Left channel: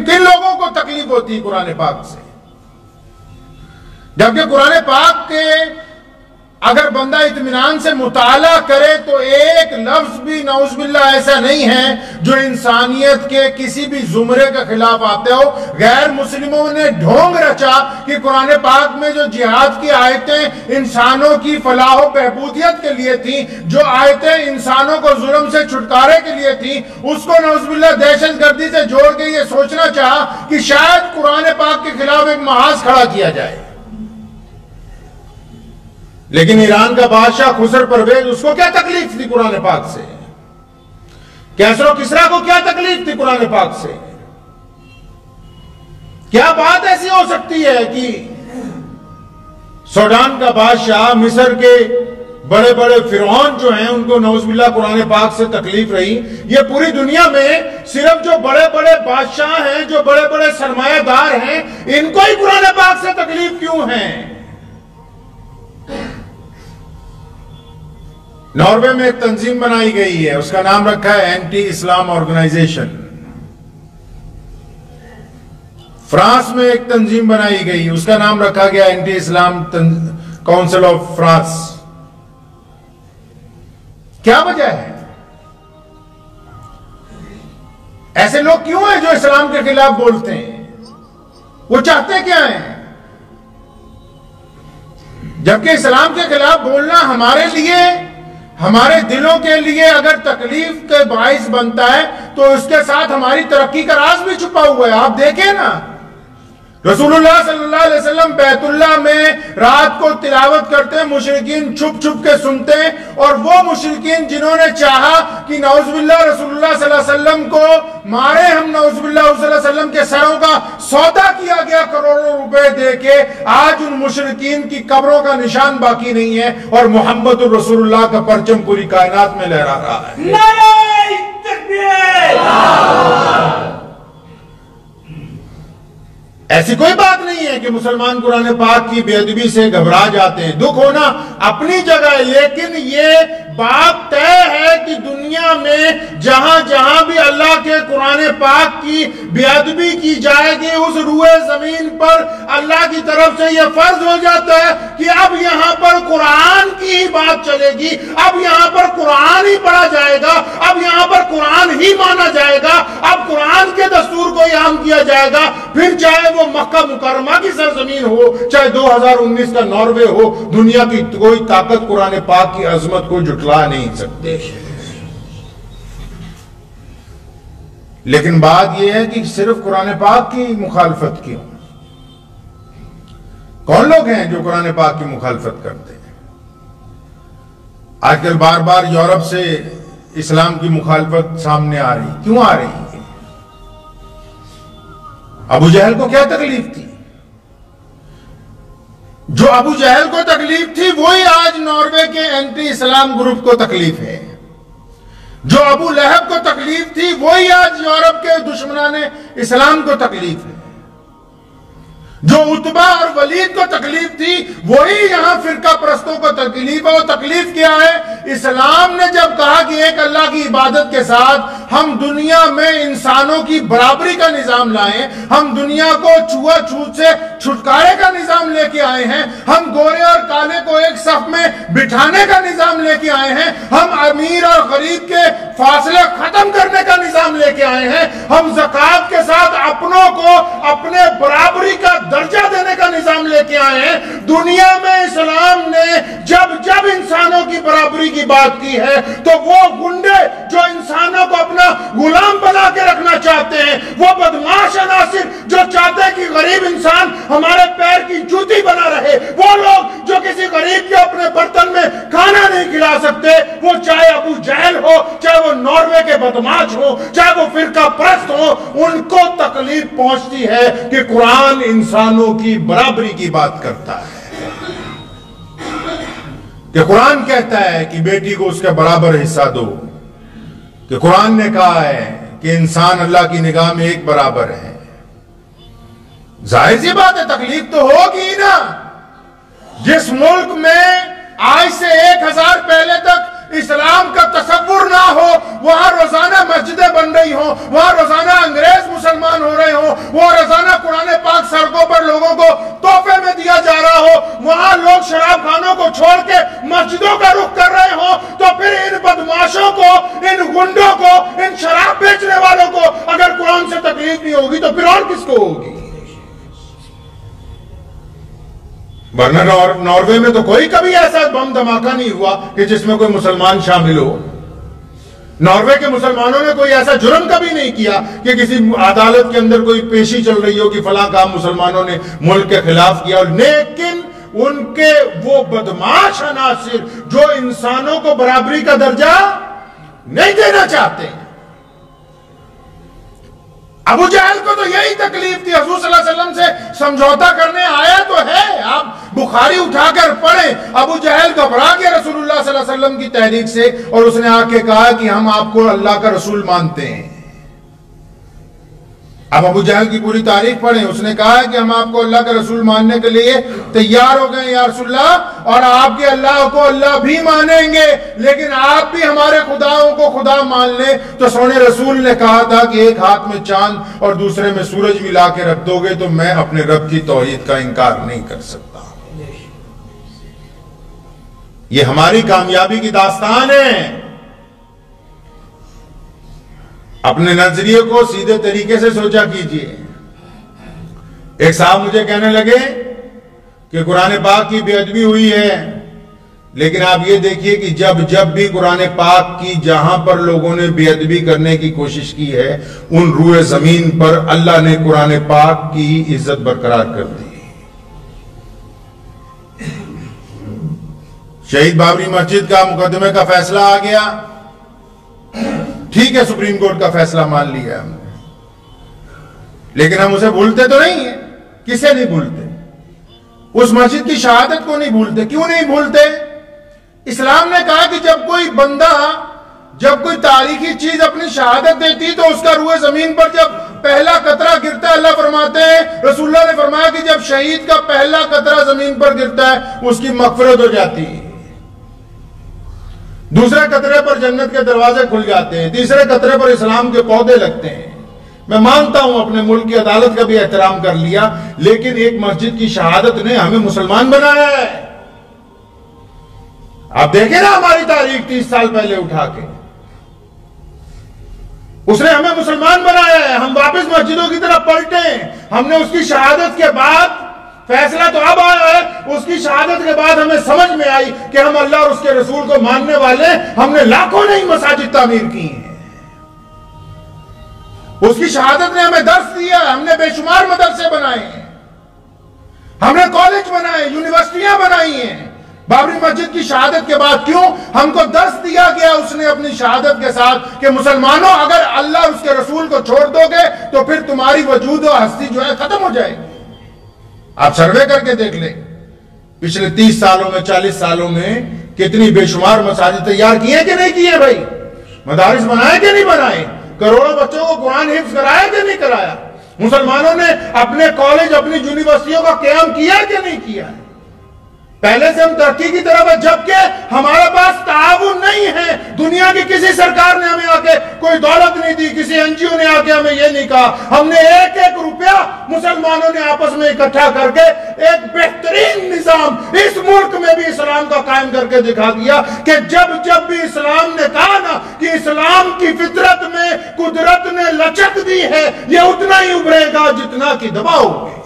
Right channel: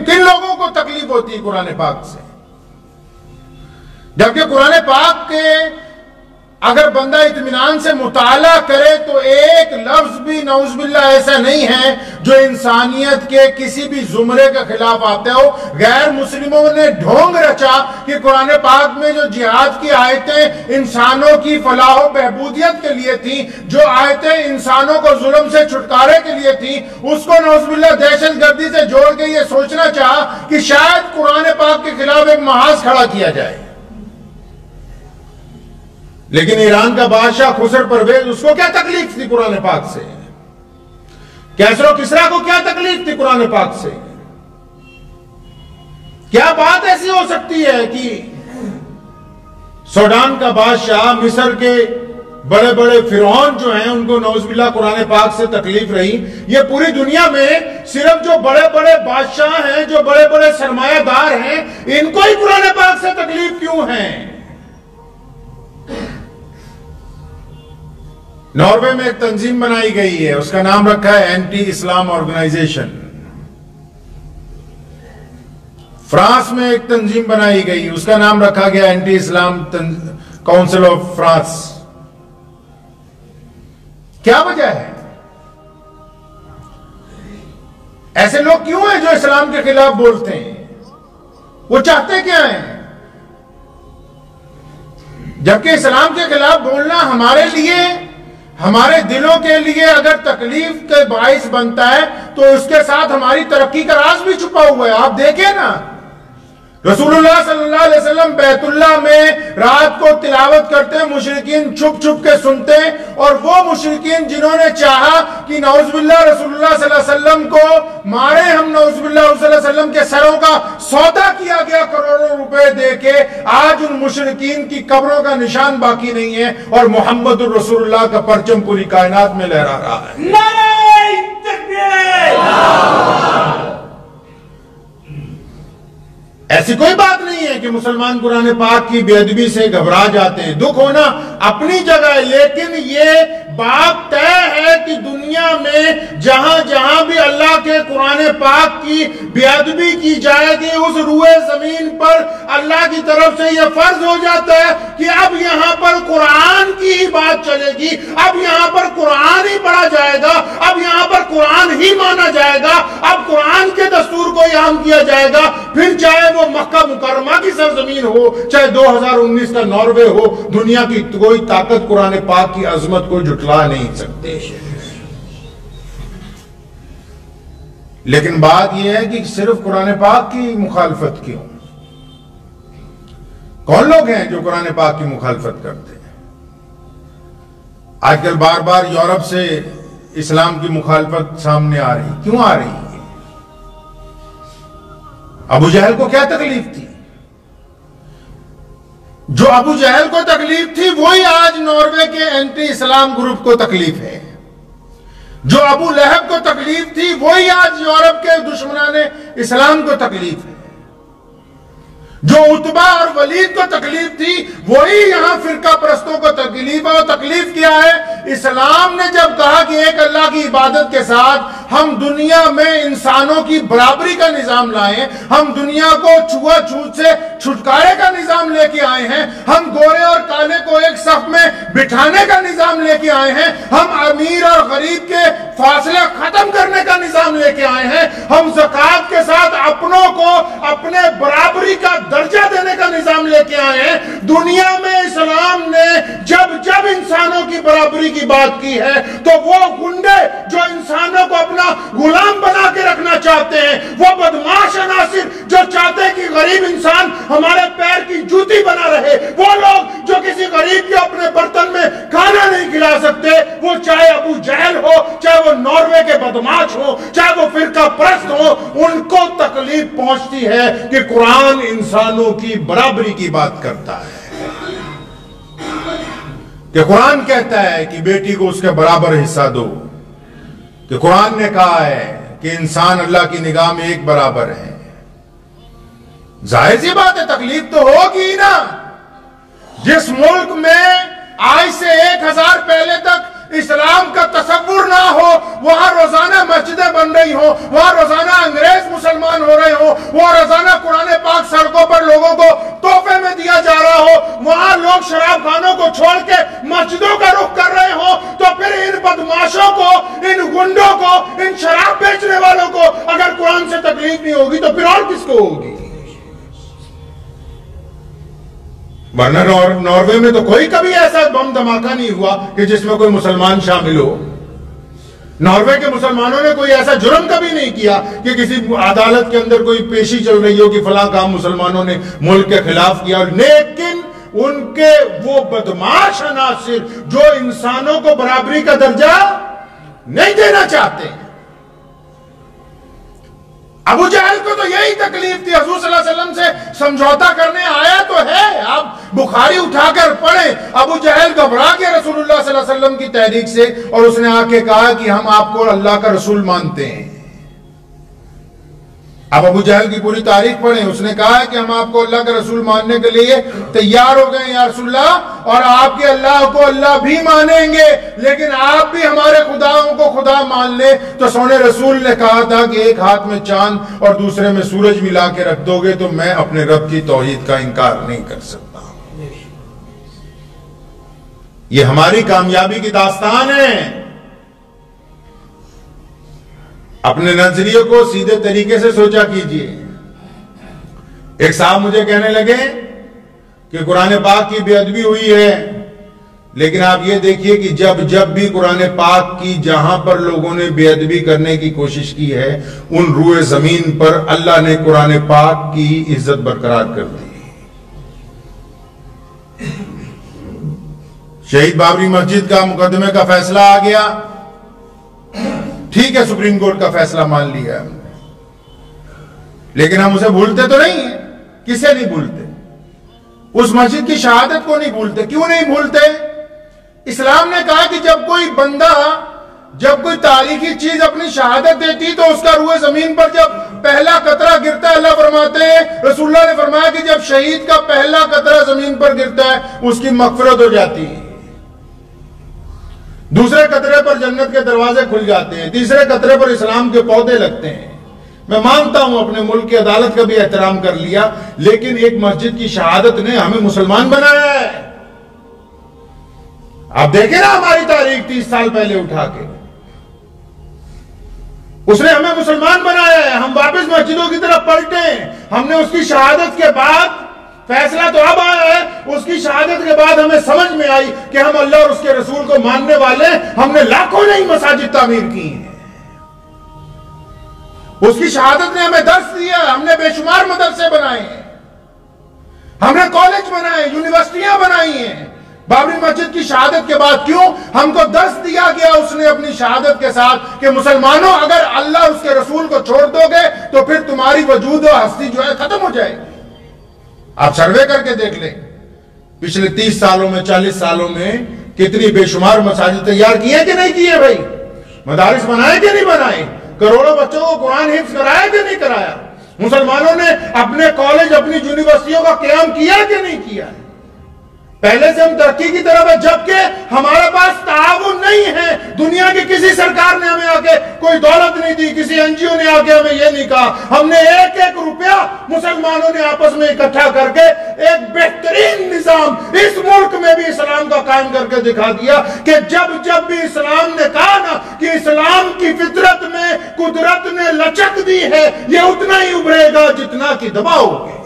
किन लोगों को तकलीफ होती है कुरान पाक से? जबकि कुरान पाक के अगर बंदा इत्मीनान से मुताला करे तो एक लफ्ज भी नौज़ुबिल्लाह ऐसा नहीं है जो इंसानियत के किसी भी जुमरे के खिलाफ आते हो। गैर मुस्लिमों ने ढोंग रचा कि कुरान पाक में जो जिहाद की आयतें इंसानों की फलाह बहबूदियत के लिए थी, जो आयतें इंसानों को जुल्म से छुटकारे के लिए थी, उसको नौज़ुबिल्लाह दहशतगर्दी से जोड़ के ये सोचना चाहा कि शायद कुरान पाक के खिलाफ एक महाज खड़ा किया जाए। लेकिन ईरान का बादशाह खुसर परवेज, उसको क्या तकलीफ थी कुरान पाक से? कैसरो किसरा को क्या तकलीफ थी कुरान पाक से? क्या बात ऐसी हो सकती है कि सूडान का बादशाह, मिस्र के बड़े बड़े फिरौन जो हैं उनको नौज़ुबिल्लाह कुरान पाक से तकलीफ रही? ये पूरी दुनिया में सिर्फ जो बड़े बड़े बादशाह हैं, जो बड़े बड़े सरमायादार हैं, इनको ही कुरान पाक से तकलीफ क्यों है? नॉर्वे में एक तंजीम बनाई गई है, उसका नाम रखा है एंटी इस्लाम ऑर्गेनाइजेशन। फ्रांस में एक तंजीम बनाई गई, उसका नाम रखा गया anti Islam council of France. क्या वजह है? ऐसे लोग क्यों हैं जो इस्लाम के खिलाफ बोलते हैं? वो चाहते क्या हैं? जबकि इस्लाम के खिलाफ बोलना हमारे लिए, हमारे दिलों के लिए अगर तकलीफ के बाइस बनता है तो उसके साथ हमारी तरक्की का राज भी छुपा हुआ है। आप देखें ना, रसूलुल्लाह सल्लल्लाहु अलैहि वसल्लम बैतुल्लाह में रात को तिलावत करते हैं, मुशरिकीन छुप छुप के सुनते हैं, और वो मुशरिकीन जिन्होंने चाहा कि नौज़ुबिल्लाह रसूलुल्लाह सल्लल्लाहु अलैहि वसल्लम को मारे, हम नौज़ुबिल्लाह सल्लल्लाहु अलैहि वसल्लम के सरों का सौदा किया गया करोड़ों रुपए देके, आज उन मुशरिकीन की कब्रों का निशान बाकी नहीं है और मोहम्मद रसूलुल्लाह का परचम पूरी कायनात में लहरा रहा है। नारे तकबीर! ऐसी कोई बात नहीं है कि मुसलमान कुरान पाक की बेअदबी से घबरा जाते हैं। दुख होना अपनी जगह है, लेकिन ये बात तय है कि दुनिया में जहां जहां भी अल्लाह के कुरान पाक की बेअदबी की जाएगी, उस रूए जमीन पर अल्लाह की तरफ से यह फर्ज हो जाता है कि अब यहां पर कुरान की ही बात चलेगी, अब यहां पर कुरान ही पढ़ा जाएगा, अब यहां पर कुरान ही माना जाएगा, अब कुरान के दस्तूर को आम किया जाएगा। फिर चाहे वो मक्का मुकर्रमा की सरजमीन हो, चाहे 2019 का नॉर्वे हो, दुनिया की कोई ताकत कुरान पाक की अजमत को जुटला नहीं सकते। लेकिन बात यह है कि सिर्फ कुरान पाक की मुखालफत क्यों? कौन लोग हैं जो कुरान पाक की मुखालफत करते हैं? आजकल बार बार यूरोप से इस्लाम की मुखालफत सामने आ रही, क्यों आ रही है? अबू जहल को क्या तकलीफ थी? जो अबू जहल को तकलीफ थी वही आज नॉर्वे के एंटी इस्लाम ग्रुप को तकलीफ है। जो अबू लहब को तकलीफ थी वही आज यूरोप के दुश्मनाने इस्लाम को तकलीफ है। जो उतबा और वलीद को तकलीफ थी वही यहां फिरका परस्तों को तकलीफ है। और तकलीफ क्या है? इस्लाम ने जब कहा कि एक अल्लाह की इबादत के साथ हम दुनिया में इंसानों की बराबरी का निजाम लाएं, हम दुनिया को छुआछूत से छुटकारे का निजाम लेके आए हैं, हम गोरे और काले को एक सफ में बिठाने का निजाम लेके आए हैं, हम अमीर और गरीब के फासले खत्म करने का निजाम लेके आए हैं, हम ज़कात के साथ अपनों को अपने बराबरी का दर्जा देने का निजाम लेके आए हैं। दुनिया में इस्लाम ने जब जब इंसानों की बराबरी की बात की है तो वो गुंडे जो इंसानों को अपना गुलाम बना के रखना चाहते हैं, वो बदमाश अनासिर जो चाहते हैं कि गरीब इंसान हमारे पैर की जूती बना रहे, वो लोग जो किसी गरीब के अपने बर्तन में खाना नहीं खिला सकते, वो चाहे अबू जहल हो, चाहे वो नॉर्वे के बदमाश हो, चाहे वो फिरका परस्त हो, उनको तकलीफ पहुंचती है कि कुरान इंसानों की बराबरी की बात करता है। कि कुरान कहता है कि बेटी को उसके बराबर हिस्सा दो, कि कुरान ने कहा है कि इंसान अल्लाह की निगाह में एक बराबर है। जाहिर सी बात है तकलीफ तो होगी ना। जिस मुल्क में आज से 1000 पहले तक इस्लाम का तसव्वुर ना हो, वहां रोजाना मस्जिदें बन रही हो, वहां रोजाना अंग्रेज मुसलमान हो रहे हो, वो रोजाना कुरान पाक सड़कों पर लोगों को तोहफे में दिया जा रहा हो, वहां लोग शराब खानों को छोड़ के मस्जिदों का रुख कर रहे हो, तो फिर इन बदमाशों को, इन गुंडों को, इन शराब बेचने वालों को अगर कुरान से तकलीफ नहीं होगी तो फिर और किसको होगी? वरना नॉर्वे में तो कोई कभी ऐसा बम धमाका नहीं हुआ कि जिसमें कोई मुसलमान शामिल हो। नॉर्वे के मुसलमानों ने कोई ऐसा जुर्म कभी नहीं किया कि किसी अदालत के अंदर कोई पेशी चल रही हो कि फलां काम मुसलमानों ने मुल्क के खिलाफ किया। लेकिन उनके वो बदमाश अनासिर जो इंसानों को बराबरी का दर्जा नहीं देना चाहते, अबू जहल को तो यही तकलीफ थी। हुजूर सल्लल्लाहु अलैहि वसल्लम से समझौता करने आया तो है, आप बुखारी उठाकर पढ़ें। अबू जहल घबरा गया रसूलुल्लाह सल्लल्लाहु अलैहि वसल्लम की तहरीक से और उसने आके कहा कि हम आपको अल्लाह का रसूल मानते हैं। अब अबू जहल की पूरी तारीख पढ़ें। उसने कहा है कि हम आपको अल्लाह का रसूल मानने के लिए तैयार हो गए या रसूलल्लाह, और आपके अल्लाह को अल्लाह भी मानेंगे, लेकिन आप भी हमारे खुदाओं को खुदा मान ले। तो सोने रसूल ने कहा था कि एक हाथ में चांद और दूसरे में सूरज मिला के रख दोगे तो मैं अपने रब की तौहीद का इनकार नहीं कर सकता। ये हमारी कामयाबी की दास्तान है। अपने नजरिए को सीधे तरीके से सोचा कीजिए। एक साहब मुझे कहने लगे कि कुरान पाक की बेअदबी हुई है, लेकिन आप ये देखिए कि जब भी कुरान पाक की जहां पर लोगों ने बेअदबी करने की कोशिश की है, उन रूए जमीन पर अल्लाह ने कुरान पाक की इज्जत बरकरार कर दी। शहीद बाबरी मस्जिद का मुकदमे का फैसला आ गया, ठीक है, सुप्रीम कोर्ट का फैसला मान लिया हमने, लेकिन हम उसे भूलते तो नहीं है। किसे नहीं भूलते? उस मस्जिद की शहादत को नहीं भूलते। क्यों नहीं भूलते? इस्लाम ने कहा कि जब कोई बंदा, जब कोई तारीखी चीज अपनी शहादत देती तो उसका रूए जमीन पर जब पहला कतरा गिरता है, अल्लाह फरमाते हैं, रसूलुल्लाह ने फरमाया कि जब शहीद का पहला कतरा जमीन पर गिरता है उसकी मगफिरत हो जाती है। दूसरे कतरे पर जन्नत के दरवाजे खुल जाते हैं, तीसरे कतरे पर इस्लाम के पौधे लगते हैं। मैं मानता हूं अपने मुल्क की अदालत का भी एहतराम कर लिया, लेकिन एक मस्जिद की शहादत ने हमें मुसलमान बनाया है। आप देखें ना हमारी तारीख 30 साल पहले उठा के, उसने हमें मुसलमान बनाया है। हम वापस मस्जिदों की तरफ पलटे। हमने उसकी शहादत के बाद, फैसला तो अब आया है, उसकी शहादत के बाद हमें समझ में आई कि हम अल्लाह और उसके रसूल को मानने वाले, हमने लाखों नहीं मसाजिद तामीर की हैं। उसकी शहादत ने हमें दर्स दिया, हमने बेशुमार मदरसे बनाए हैं, हमने कॉलेज बनाए, यूनिवर्सिटियां बनाई हैं। बाबरी मस्जिद की शहादत के बाद क्यों? हमको दर्स दिया गया उसने अपनी शहादत के साथ कि मुसलमानों, अगर अल्लाह और उसके रसूल को छोड़ दोगे तो फिर तुम्हारी वजूद और हस्ती जो है खत्म हो जाएगी। आप सर्वे करके देख ले, पिछले 30 सालों में, 40 सालों में कितनी बेशुमार मसाजिद तैयार किए कि नहीं किए भाई? मदारिस बनाए कि नहीं बनाए? करोड़ों बच्चों को कुरान हिफ्ज कराया कि नहीं कराया? मुसलमानों ने अपने कॉलेज, अपनी यूनिवर्सिटियों का क़याम किया कि नहीं किया? पहले से हम तरक्की की तरफ है, जबकि हमारे पास ताउन नहीं है। दुनिया की किसी सरकार ने हमें आके कोई दौलत नहीं दी, किसी एनजीओ ने आके हमें यह नहीं कहा। हमने एक एक रुपया मुसलमानों ने आपस में इकट्ठा करके एक बेहतरीन निजाम इस मुल्क में भी इस्लाम का कायम करके दिखा दिया कि जब भी इस्लाम ने कहा ना कि इस्लाम की फितरत में कुदरत ने लचक दी है, यह उतना ही उभरेगा जितना कि दबाओगे।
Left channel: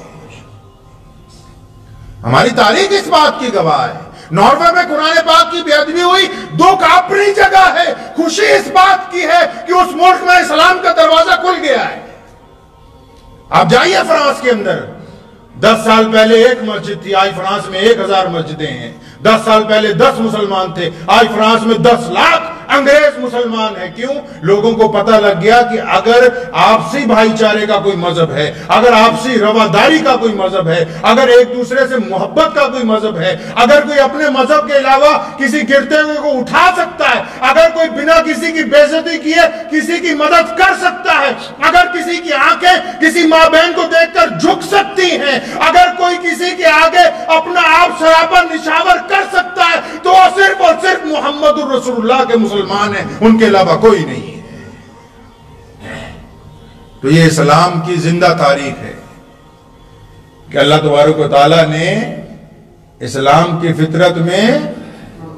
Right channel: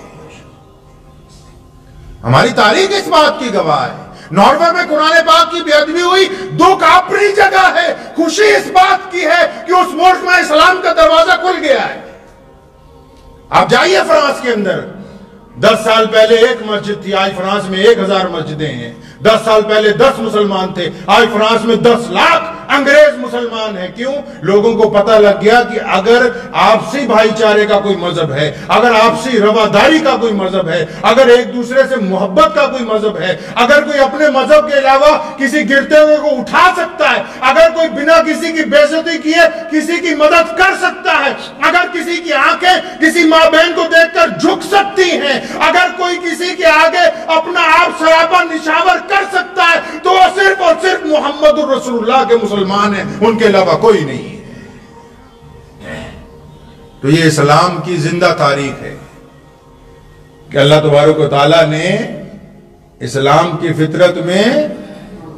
हमारी तारीख इस बात की गवाह है। नॉर्वे में कुरान पाक की बेअदबी हुई, दुख अपनी जगह है, खुशी इस बात की है कि उस मुल्क में इस्लाम का दरवाजा खुल गया है। आप जाइए फ्रांस के अंदर, 10 साल पहले एक मस्जिद थी, आज फ्रांस में 1000 मस्जिदें हैं। 10 साल पहले 10 मुसलमान थे, आज फ्रांस में 10 लाख अंग्रेज मुसलमान है। क्यों? लोगों को पता लग गया कि अगर आपसी भाईचारे का कोई मजहब है, अगर आपसी रवादारी का कोई मजहब है, अगर एक दूसरे से मोहब्बत का कोई मजहब है, अगर कोई अपने मजहब के अलावा किसी गिरते हुए को उठा सकता है, अगर कोई बिना किसी की बेइज्जती किए किसी की मदद कर सकता है, अगर किसी की आंखें किसी मां बहन को देखकर झुक सकती हैं, अगर कोई किसी के आगे अपना आप सरापा निशावर कर सकता है, तो वह सिर्फ और सिर्फ मुहम्मदुर रसूलुल्लाह के मुसलमान हैं, उनके अलावा कोई नहीं है। तो ये इस्लाम की जिंदा तारीख है कि अल्लाह तबारक व तआला ने इस्लाम की फितरत में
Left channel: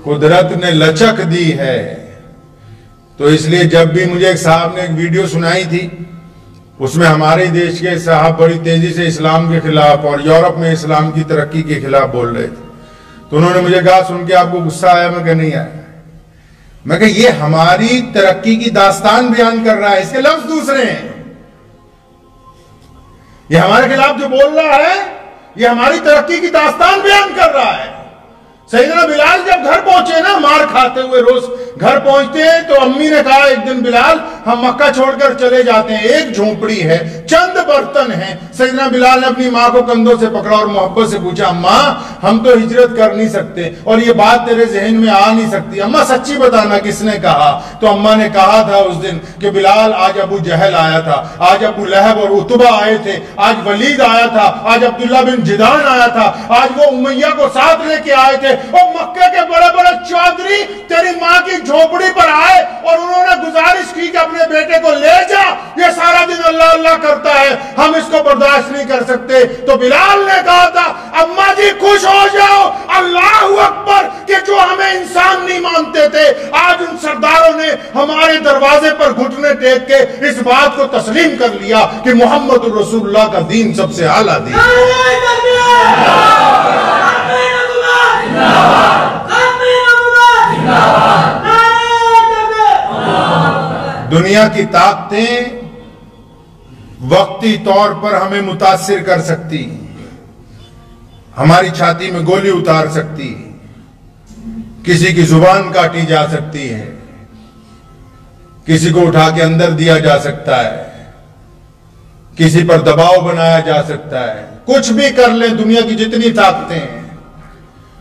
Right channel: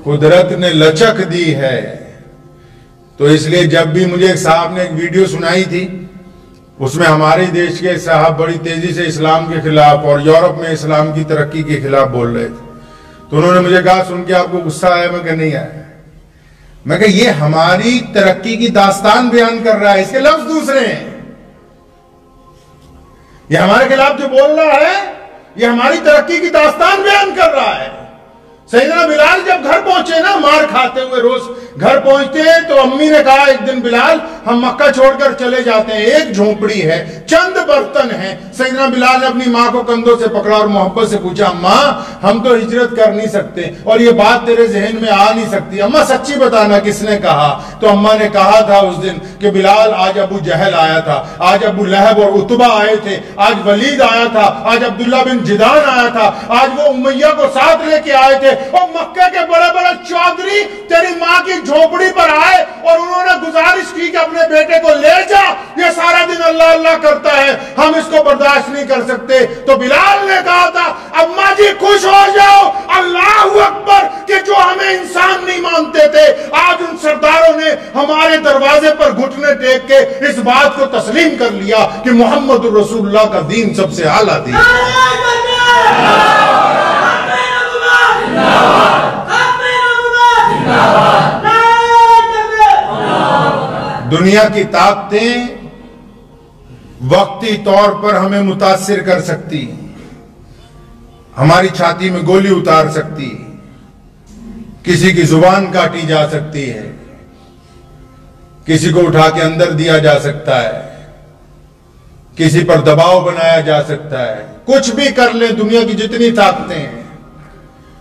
कुदरत ने लचक दी है। तो इसलिए जब भी मुझे एक साहब ने एक वीडियो सुनाई थी, उसमें हमारे देश के साहब बड़ी तेजी से इस्लाम के खिलाफ और यूरोप में इस्लाम की तरक्की के खिलाफ बोल रहे थे, तो उन्होंने मुझे कहा सुन के आपको गुस्सा आया? मैं कहा नहीं आया। मैं कहा ये हमारी तरक्की की दास्तान बयान कर रहा है, इसके लफ्ज दूसरे हैं। ये हमारे खिलाफ जो बोल रहा है ये हमारी तरक्की की दास्तान बयान कर रहा है। सैयदना बिलाल जब घर पहुंचे ना, मार खाते हुए रोज घर पहुंचते हैं, तो अम्मी ने कहा एक दिन बिलाल हम मक्का छोड़कर चले जाते हैं, एक झोपड़ी है, चंद बर्तन हैं। सैयदना बिलाल ने अपनी माँ को कंधों से पकड़ा और मोहब्बत से पूछा, अम्मा हम तो हिजरत कर नहीं सकते और ये बात तेरे जहन में आ नहीं सकती, अम्मा सच्ची बताना किसने कहा? तो अम्मा ने कहा था उस दिन कि बिलाल आज अबू जहल आया था, आज अबू लहब और उतबा आए थे, आज वलीद आया था, आज अब्दुल्ला बिन जिदान आया था, आज वो उमैया को साथ लेके आए थे और मक्के के बड़े बड़े चौधरी तेरी माँ की झोपड़ी पर आए और उन्होंने गुजारिश की कि अपने बेटे को ले जा, ये सारा दिन अल्लाह अल्लाह करता है, हम इसको बर्दाश्त नहीं कर सकते। तो बिलाल ने कहा था अम्मा जी खुश हो जाओ, अल्लाह अकबर, कि जो हमें इंसान नहीं मानते थे आज उन सरदारों ने हमारे दरवाजे पर घुटने टेक के इस बात को तस्लीम कर लिया कि मोहम्मद रसूलुल्लाह का दीन सबसे आला दीन। दुनिया की ताकतें वक्ती तौर पर हमें मुतासिर कर सकती, हमारी छाती में गोली उतार सकती, किसी की जुबान काटी जा सकती है, किसी को उठा के अंदर दिया जा सकता है, किसी पर दबाव बनाया जा सकता है, कुछ भी कर लें। दुनिया की जितनी ताकतें हैं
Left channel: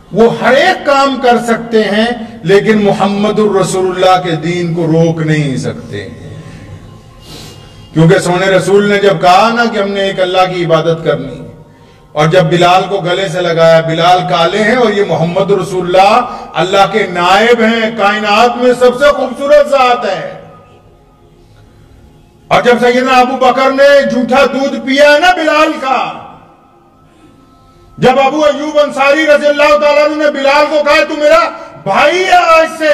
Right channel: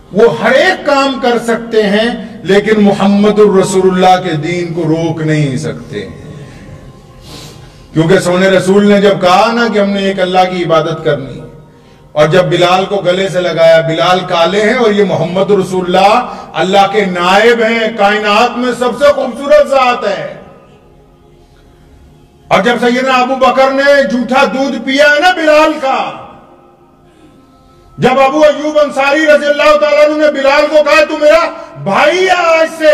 वो हर एक काम कर सकते हैं, लेकिन मुहम्मदुर रसूलुल्लाह के दीन को रोक नहीं सकते। क्योंकि सोने रसूल ने जब कहा ना कि हमने एक अल्लाह की इबादत करनी, और जब बिलाल को गले से लगाया, बिलाल काले हैं और ये मोहम्मद रसूलुल्लाह अल्लाह के नायब हैं, कायनात में सबसे खूबसूरत जात है। और जब सैयदना अबू बकर ने झूठा दूध पिया है ना बिलाल का, जब अबू अयूब अंसारी रज़ियल्लाहु ताला अन्हु ने बिलाल को कहा तू मेरा भाई है आज से,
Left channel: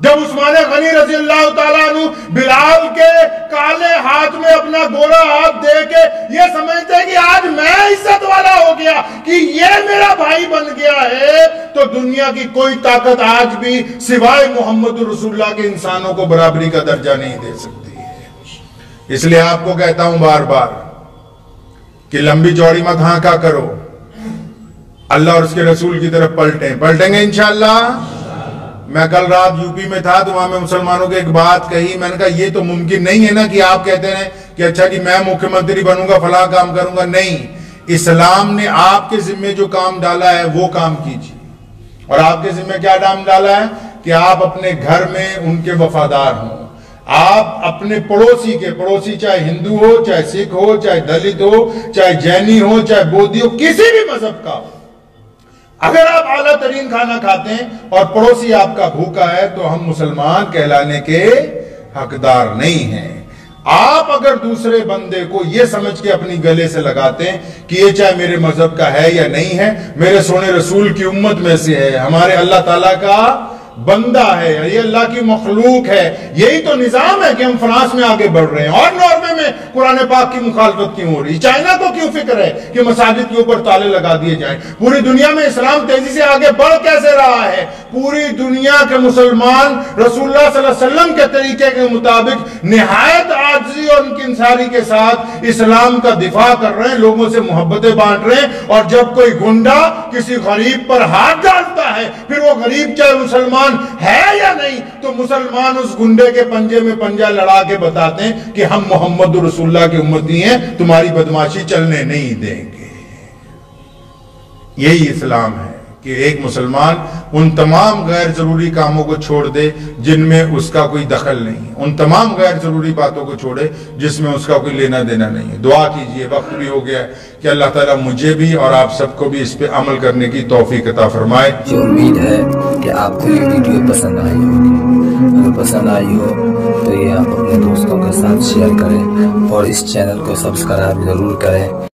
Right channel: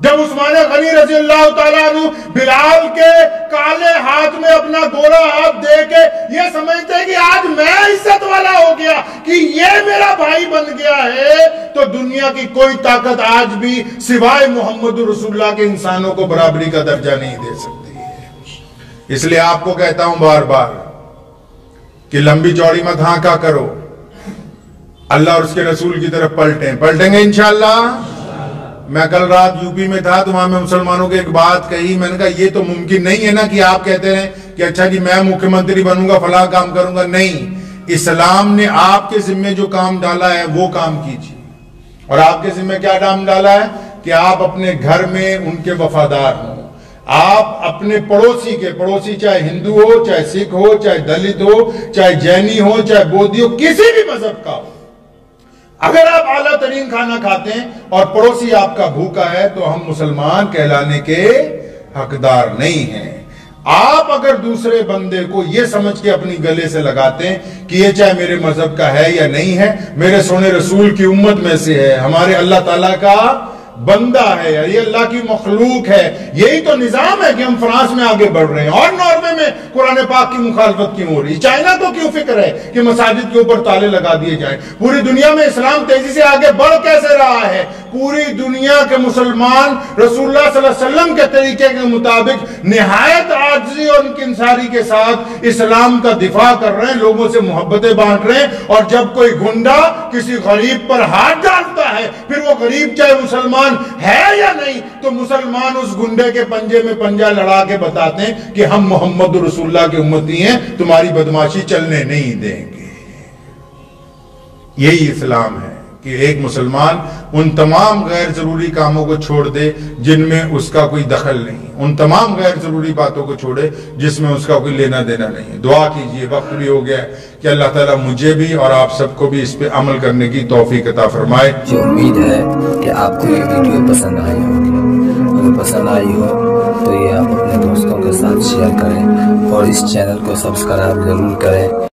जब उस्मान गनी रज़ियल्लाहु ताला अन्हु बिलाल के काले हाथ में अपना गोरा हाथ दे के ये समझते कि आज मैं इज्जत वाला हो गया, कि ये मेरा भाई बन गया है, तो दुनिया की कोई ताकत आज भी सिवाय मोहम्मद रसूलुल्लाह के इंसानों को बराबरी का दर्जा नहीं दे सकती है। इसलिए आपको कहता हूं बार बार कि लंबी चौड़ी मत हांका करो, अल्लाह और उसके रसूल की तरफ पलटेंगे इंशाअल्लाह। मैं कल रात यूपी में था, तो वहां में मुसलमानों को एक बात कही, मैंने कहा ये तो मुमकिन नहीं है ना कि आप कहते रहे कि अच्छा जी मैं मुख्यमंत्री बनूंगा, फलां काम करूंगा। नहीं, इस्लाम ने आपके जिम्मे जो काम डाला है वो काम कीजिए। और आपके जिम्मे क्या काम डाला है कि आप अपने घर में उनके वफादार हों, आप अपने पड़ोसी चाहे हिंदू हो, चाहे सिख हो, चाहे दलित हो, चाहे जैनी हो, चाहे बौद्धी हो, किसी भी मजहब का हो, अगर आप आला तरीन खाना खाते हैं और पड़ोसी आपका भूखा है तो हम मुसलमान कहलाने के हकदार नहीं हैं। आप अगर दूसरे बंदे को यह समझ के अपनी गले से लगाते हैं कि ये चाहे मेरे मजहब का है या नहीं है, मेरे सोने रसूल की उम्मत में से है, हमारे अल्लाह ताला का बंदा है, ये अल्लाह की मखलूक है, यही तो निजाम है कि हम फ्रांस में आगे बढ़ रहे हैं और नॉर्वे में कुरान पाक की मुखालफत क्यों हो रही है। चाइना को क्यों फिक्र है कि मसाजिद के ऊपर ताले लगा दिए जाएं। पूरी दुनिया में इस्लाम तेजी से आगे बढ़ कैसे रहा है? पूरी दुनिया के मुसलमान रसूलुल्लाह सल्लल्लाहु अलैहि वसल्लम के तरीके के मुताबिक निहायत आजिज़ी और इंकिसारी के साथ इस्लाम का दिफा कर रहे हैं, लोगों से मोहब्बतें बांट रहे हैं। और जब कोई गुंडा किसी गरीब पर हाथ डालता है, फिर वो गरीब चाहे मुसलमान है या नहीं, तो मुसलमान उस गुंडे के पंजे में पंजा लड़ा के बताते हैं कि हम मोहम्मद रसूलुल्लाह के उम्मती हैं, तुम्हारी बदमाशी चलने नहीं देंगे। यही इस्लाम है कि एक मुसलमान उन तमाम गैर जरूरी कामों को छोड़ दे जिनमें उसका कोई दखल नहीं, उन तमाम गैर जरूरी बातों को छोड़े जिसमें उसका कोई लेना देना नहीं है। दुआ कीजिए, वक्त भी हो गया है, कि अल्लाह ताला मुझे भी और आप सबको भी इस पे अमल करने की तौफीक अता फरमाए। मुझे उम्मीद है कि आपको ये वीडियो पसंद आई होगी। अगर पसंद आई हो तो ये आप अपने दोस्तों के साथ शेयर करें और इस चैनल को सब्सक्राइब जरूर करें।